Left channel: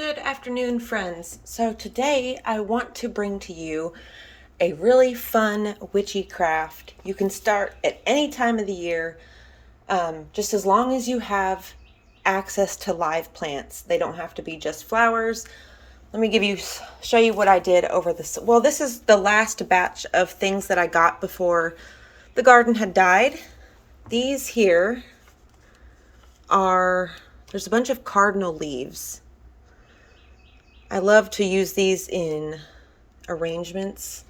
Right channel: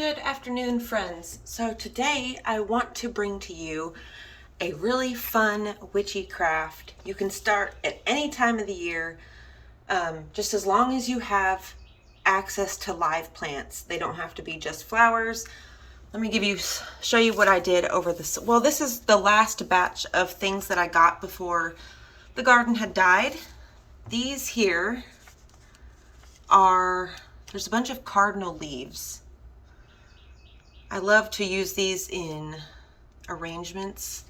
Good afternoon, friends. So today I want to bring to you a really fun witchy craft. You can start at any time of the year, just as long as you have access to live plants. They don't have to be just flowers. Let me show you what I did over this. Well, this is the last batch of things that I got before the garden had died. These here there's a bunch of cardinal leaves. I love to use these in arrangements,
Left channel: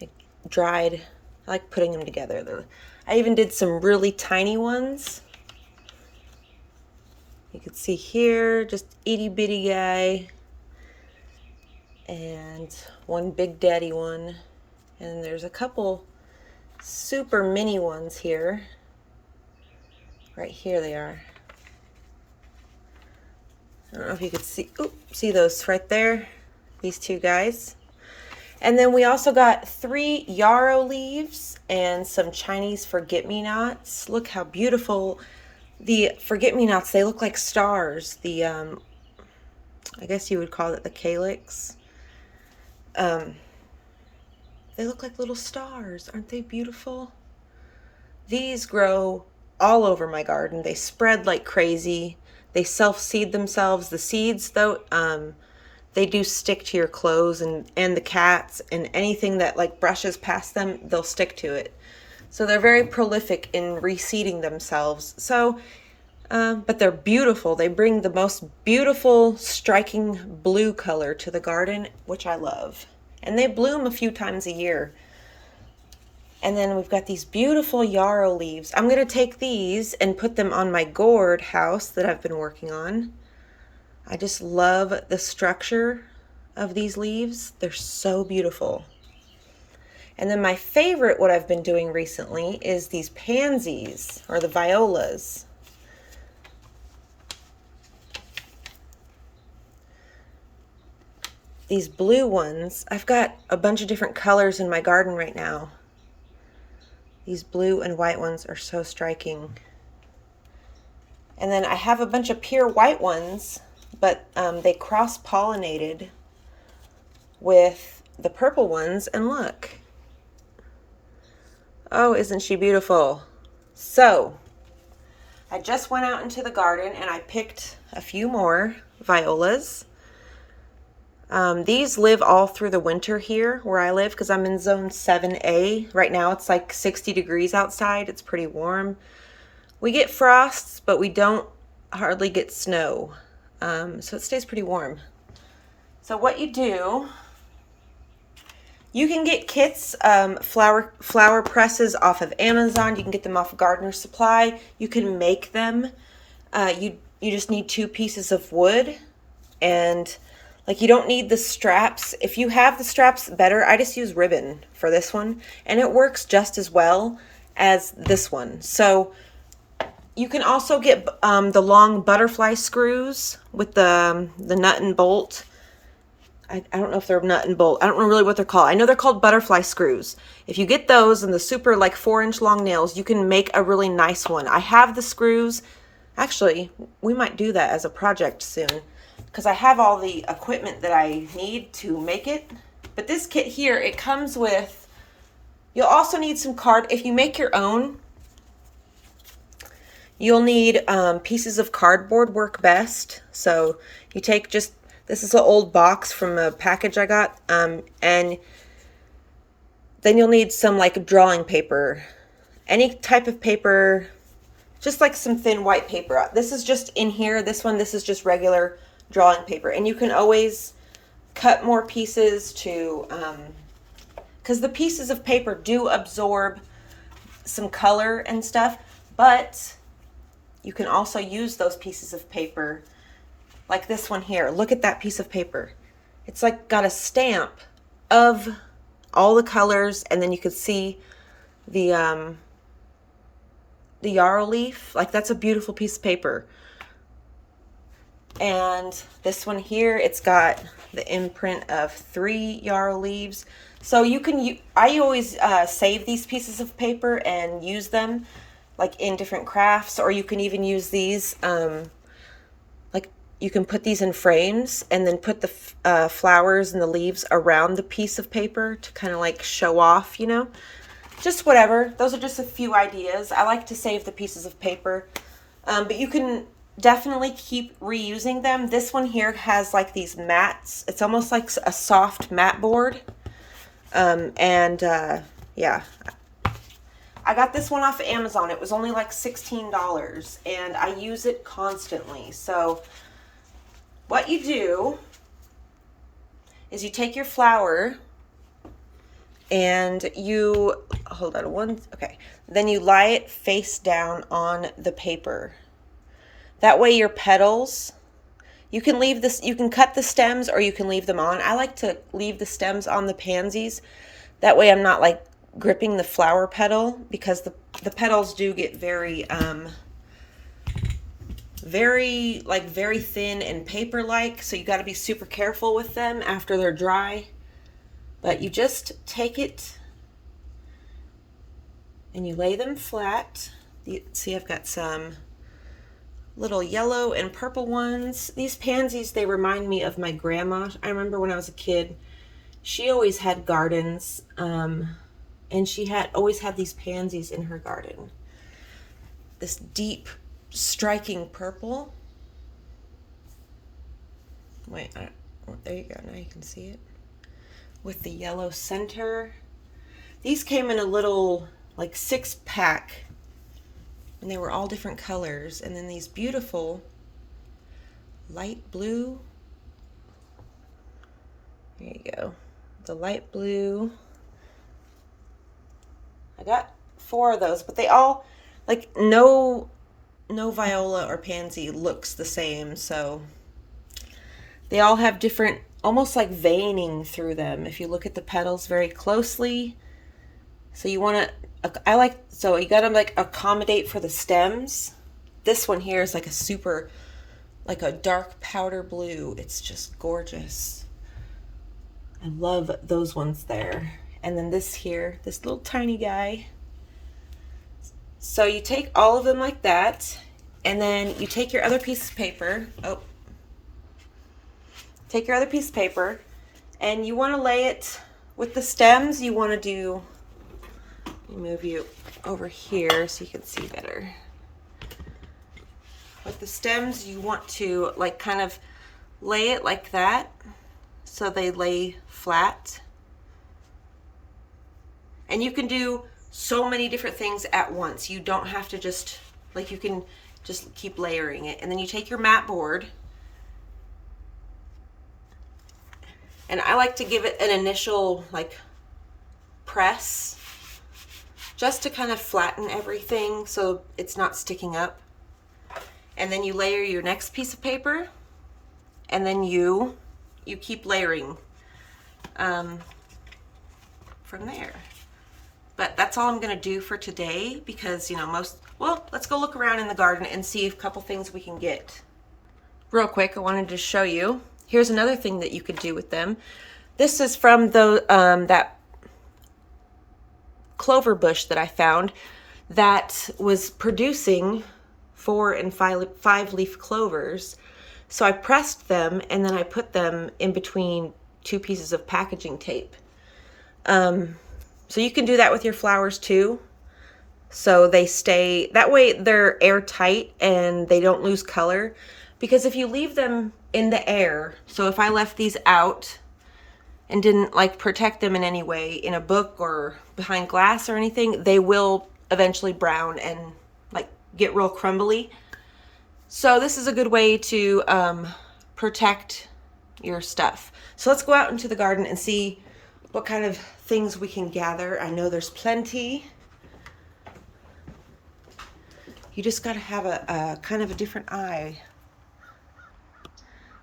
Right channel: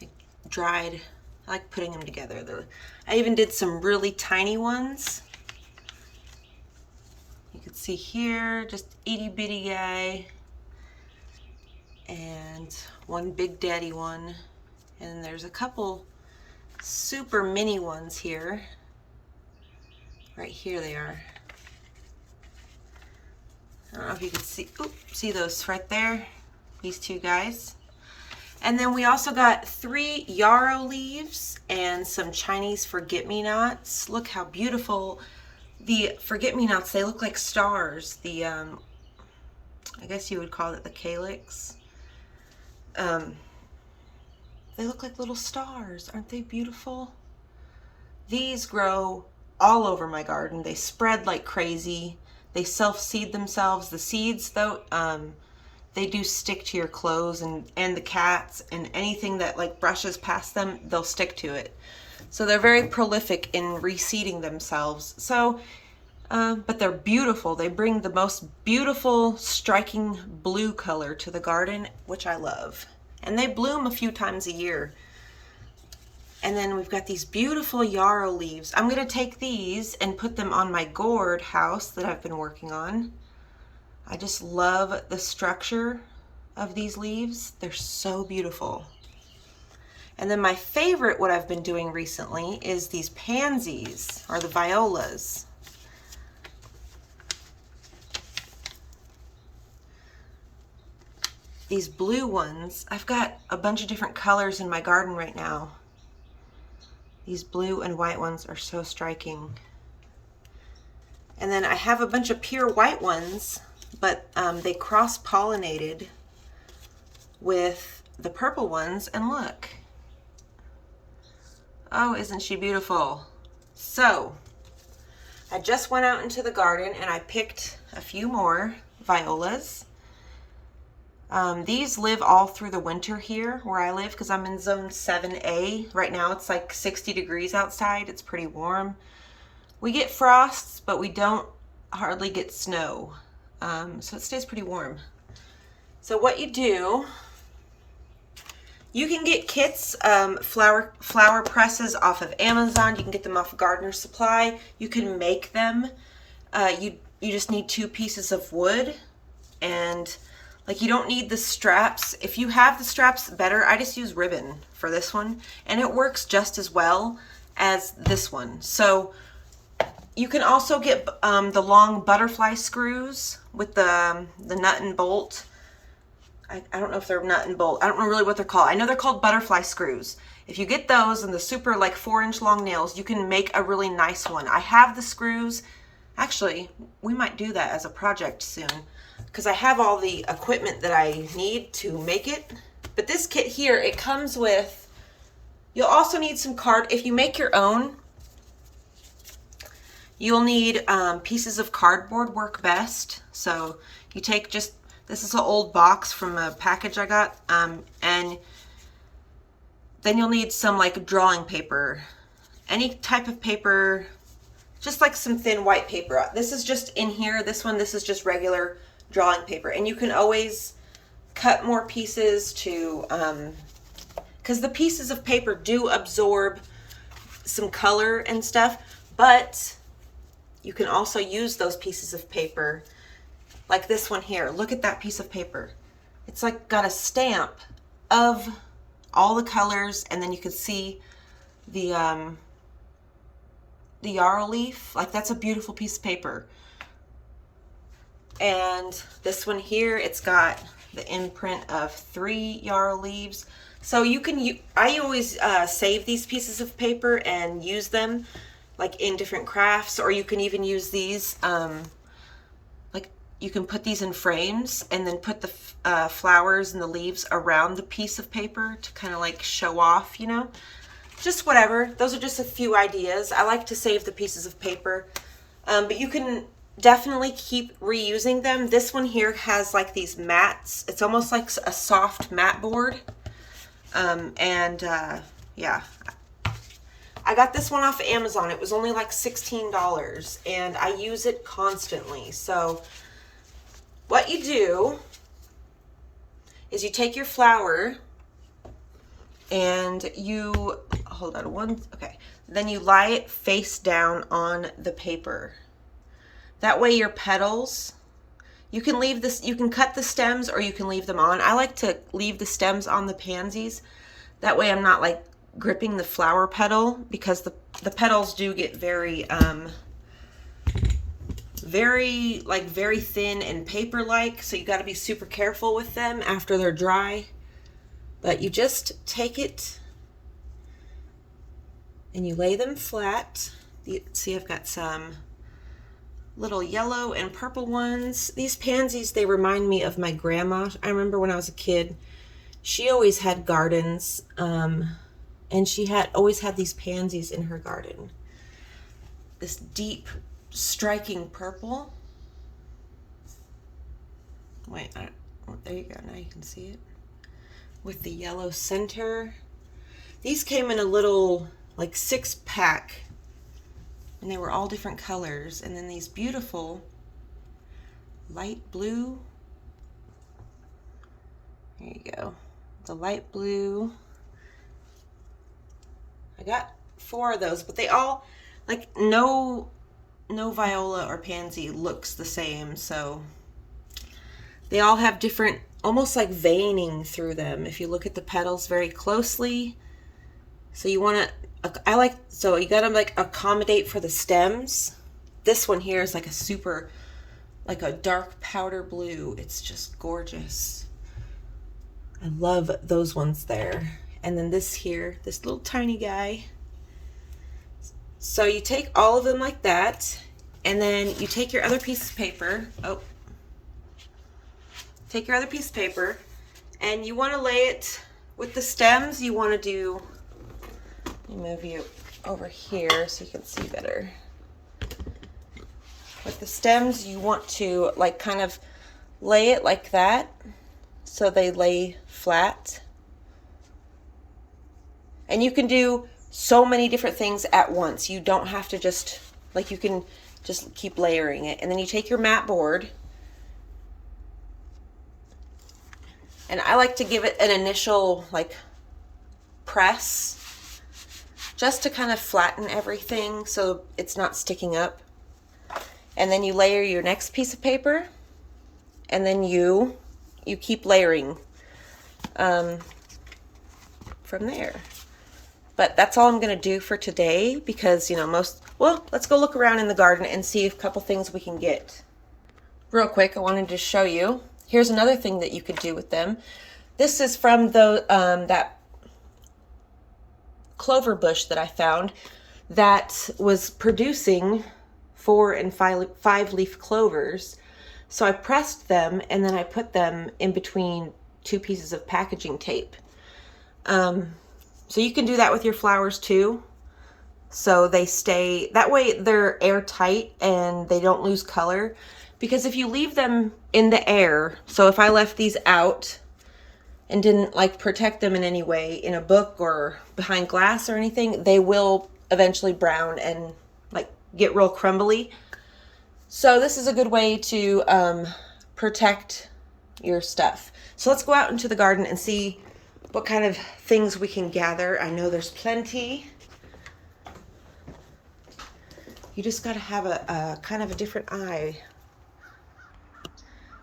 like dried. I like putting them together. I even did some really tiny ones. You can see here, just itty bitty guy, and one big daddy one. And there's a couple super mini ones here. Right here they are. I don't know if you could see those right there, these two guys. And then we also got 3 yarrow leaves and some Chinese forget-me-nots. Look how beautiful the forget-me-nots, they look like stars. I guess you would call it the calyx. They look like little stars. Aren't they beautiful? These grow all over my garden. They spread like crazy. They self-seed themselves. The seeds, though, they do stick to your clothes and the cats and anything that like brushes past them, they'll stick to it. So they're very prolific in reseeding themselves. So, but they're beautiful. They bring the most beautiful, striking blue color to the garden, which I love. And they bloom a few times a year. And then we've got these beautiful yarrow leaves. I'm going to take these and put them on my gourd house that I've been working on. I just love the structure of these leaves. They're so beautiful. And then my favorite, what I've been doing recently, is these pansies, or the violas. These blue ones, I've got a bunch of different colors in my garden right now. These blue and white ones are so striking. And then I have a bunch of pure white ones, but they cross-pollinated with the purple ones, and look. Oh, isn't she beautiful? So, I just went out into the garden and I picked a few more violas. These live all through the winter here where I live because I'm in zone 7A. Right now it's like 60 degrees outside. It's pretty warm. We get frosts, but we don't hardly get snow. So it stays pretty warm. So what you do, you can get kits, flower presses off of Amazon. You can get them off of Gardener Supply. You can make them. You just need 2 pieces of wood, and like you don't need the straps. If you have the straps, better. I just use ribbon for this one, and it works just as well as this one. So you can also get the long butterfly screws with the nut and bolt. I don't know if they're nut and bolt. I don't know really what they're called. I know they're called butterfly screws. If you get those and the super like 4-inch long nails, you can make a really nice one. I have the screws. Actually, we might do that as a project soon, because I have all the equipment that I need to make it. But this kit here, it comes with, you'll also need some if you make your own, you'll need pieces of cardboard work best. So you take this is an old box from a package I got, and then you'll need some like drawing paper, any type of paper, just like some thin white paper. This is just in here, this is just regular drawing paper, and you can always cut more pieces to because the pieces of paper do absorb some color and stuff, but you can also use those pieces of paper like this one here. Look at that piece of paper. It's like got a stamp of all the colors, and then you can see the yarrow leaf. Like, that's a beautiful piece of paper. And this one here, it's got the imprint of 3 yarrow leaves. So you can, I always save these pieces of paper and use them like in different crafts, or you can even use these like you can put these in frames and then put the flowers and the leaves around the piece of paper to kind of like show off, you know, just whatever. Those are just a few ideas. I like to save the pieces of paper, but you can definitely keep reusing them. This one here has like these mats. It's almost like a soft mat board. Yeah, I got this one off of Amazon. It was only like $16 and I use it constantly. So what you do is you take your flower and you, hold on okay. Then you lie it face down on the paper. That way your petals, you can leave this, you can cut the stems or you can leave them on. I like to leave the stems on the pansies. That way I'm not like gripping the flower petal, because the petals do get very very thin and paper like, so you got to be super careful with them after they're dry. But you just take it and you lay them flat. See, I've got some little yellow and purple ones. These pansies, they remind me of my grandma. I remember when I was a kid, she always had gardens, and she had always had these pansies in her garden. This deep, striking purple. Wait, there you go. Now you can see it. With the yellow center. These came in a little, like 6-pack. And they were all different colors. And then these beautiful light blue. There you go. The light blue. I got 4 of those, but they all, like, no viola or pansy looks the same, so they all have different, almost like veining through them if you look at the petals very closely. So you want to, so you got to like accommodate for the stems. This one here is like a super, like a dark powder blue. It's just gorgeous. I love those ones there. And then this here, this little tiny guy. So you take all of them like that, and then you take your other piece of paper. Take your other piece of paper, and you want to lay it with the stems. You want to do, let me move you over here so you can see better. With the stems, you want to like kind of lay it like that, so they lay flat. And you can do so many different things at once. You don't have to just, like, you can just keep layering it. And then you take your mat board. And I like to give it an initial, like, press, just to kind of flatten everything so it's not sticking up. And then you layer your next piece of paper. And then you keep layering from there. But that's all I'm going to do for today, because, you know, well, let's go look around in the garden and see a couple things we can get. Real quick, I wanted to show you. Here's another thing that you could do with them. This is from that clover bush that I found that was producing 4 and 5 leaf clovers. So I pressed them and then I put them in between 2 pieces of packaging tape. So you can do that with your flowers too. So they stay, that way they're airtight and they don't lose color. Because if you leave them in the air, so if I left these out and didn't like protect them in any way in a book or behind glass or anything, they will eventually brown and like get real crumbly. So this is a good way to protect your stuff. So let's go out into the garden and see what kind of things we can gather. I know there's plenty. You just got to have a kind of a different eye.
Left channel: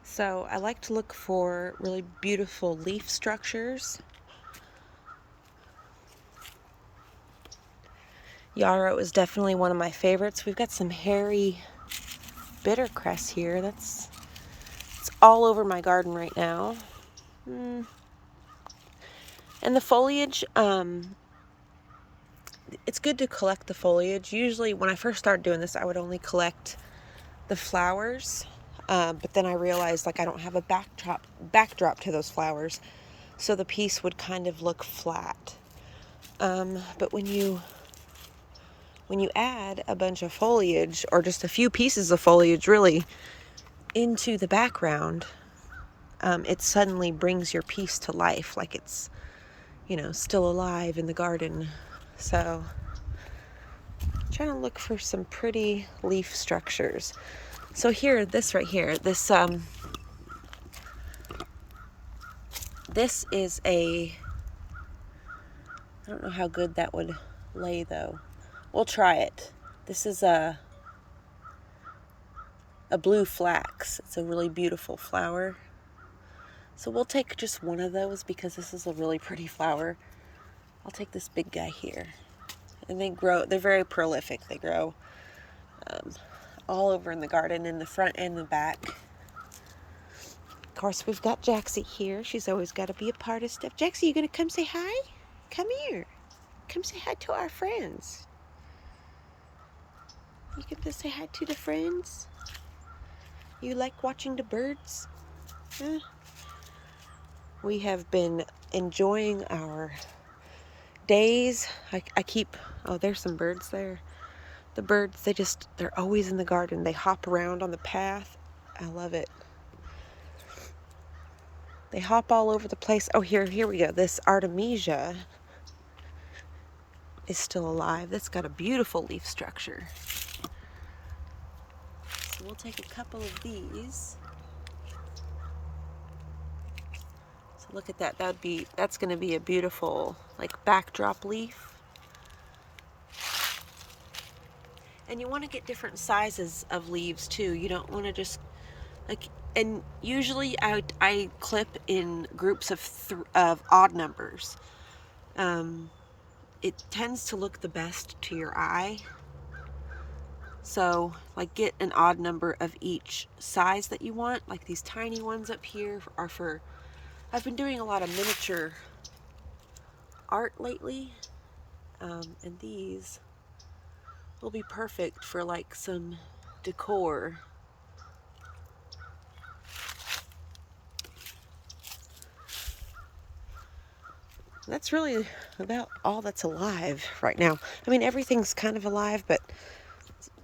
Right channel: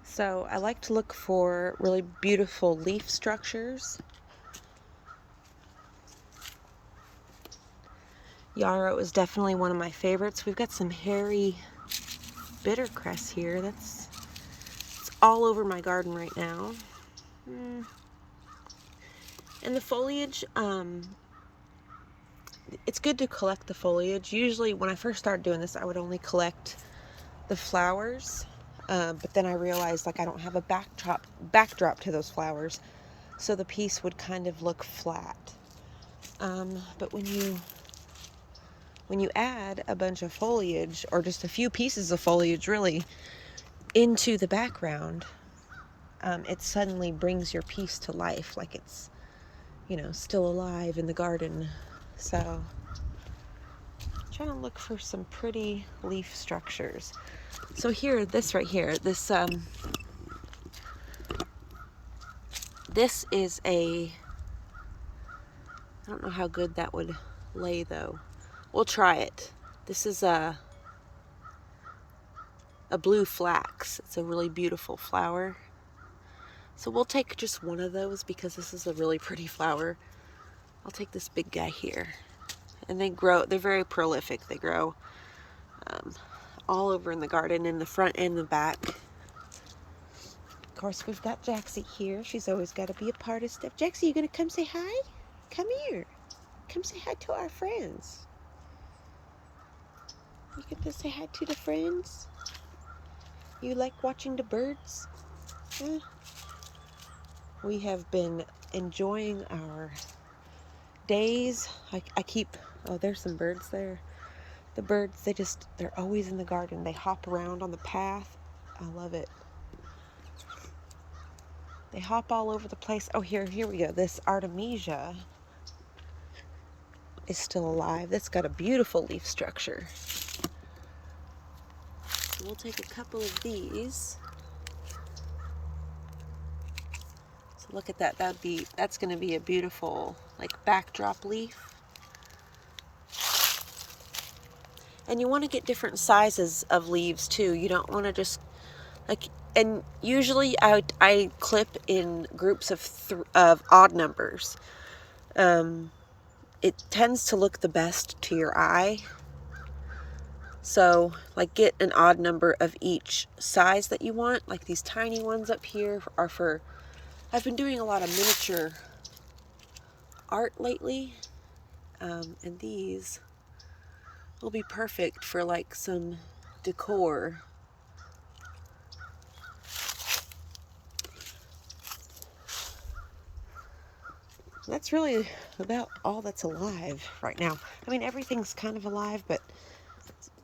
So I like to look for really beautiful leaf structures. Yarrow is definitely one of my favorites. We've got some hairy bittercress here. It's all over my garden right now. And the foliage, it's good to collect the foliage. Usually when I first started doing this, I would only collect the flowers. But then I realized like I don't have a backdrop to those flowers, so the piece would kind of look flat. But when you add a bunch of foliage, or just a few pieces of foliage really, into the background, it suddenly brings your piece to life, like it's, you know, still alive in the garden. So I'm trying to look for some pretty leaf structures. So here, this right here, this is a, I don't know how good that would lay though. We'll try it. This is a blue flax. It's a really beautiful flower. So we'll take just one of those because this is a really pretty flower. I'll take this big guy here. And they grow, they're very prolific. They grow all over in the garden, in the front and the back. Of course, we've got Jaxie here. She's always got to be a part of stuff. Jaxie, you gonna come say hi? Come here. Come say hi to our friends. You get to say hi to the friends? You like watching the birds? Huh? We have been enjoying our days. I keep, oh, there's some birds there. The birds, they're always in the garden. They hop around on the path. I love it. They hop all over the place. Oh, here we go. This Artemisia is still alive. That's got a beautiful leaf structure. So we'll take a couple of these. So look at that. That's going to be a beautiful like backdrop leaf. And you want to get different sizes of leaves too. You don't want to just like, and usually I clip in groups of odd numbers. It tends to look the best to your eye. So like get an odd number of each size that you want. Like these tiny ones up here are for, I've been doing a lot of miniature art lately. And these will be perfect for like some decor. That's really about all that's alive right now. I mean, everything's kind of alive, but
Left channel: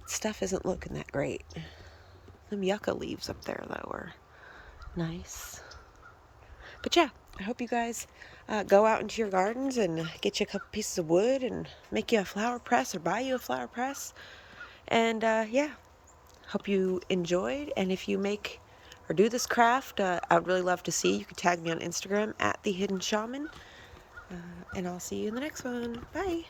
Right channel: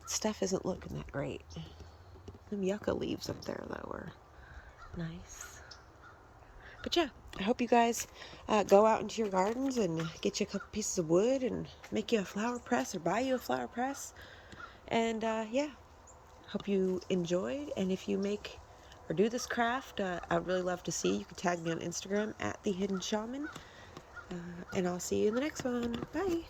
stuff isn't looking that great. Them yucca leaves up there, though, are nice. But yeah, I hope you guys go out into your gardens and get you a couple pieces of wood and make you a flower press or buy you a flower press. And yeah, hope you enjoyed. And if you make or do this craft, I would really love to see. You can tag me on Instagram at The Hidden Shaman. And I'll see you in the next one. Bye.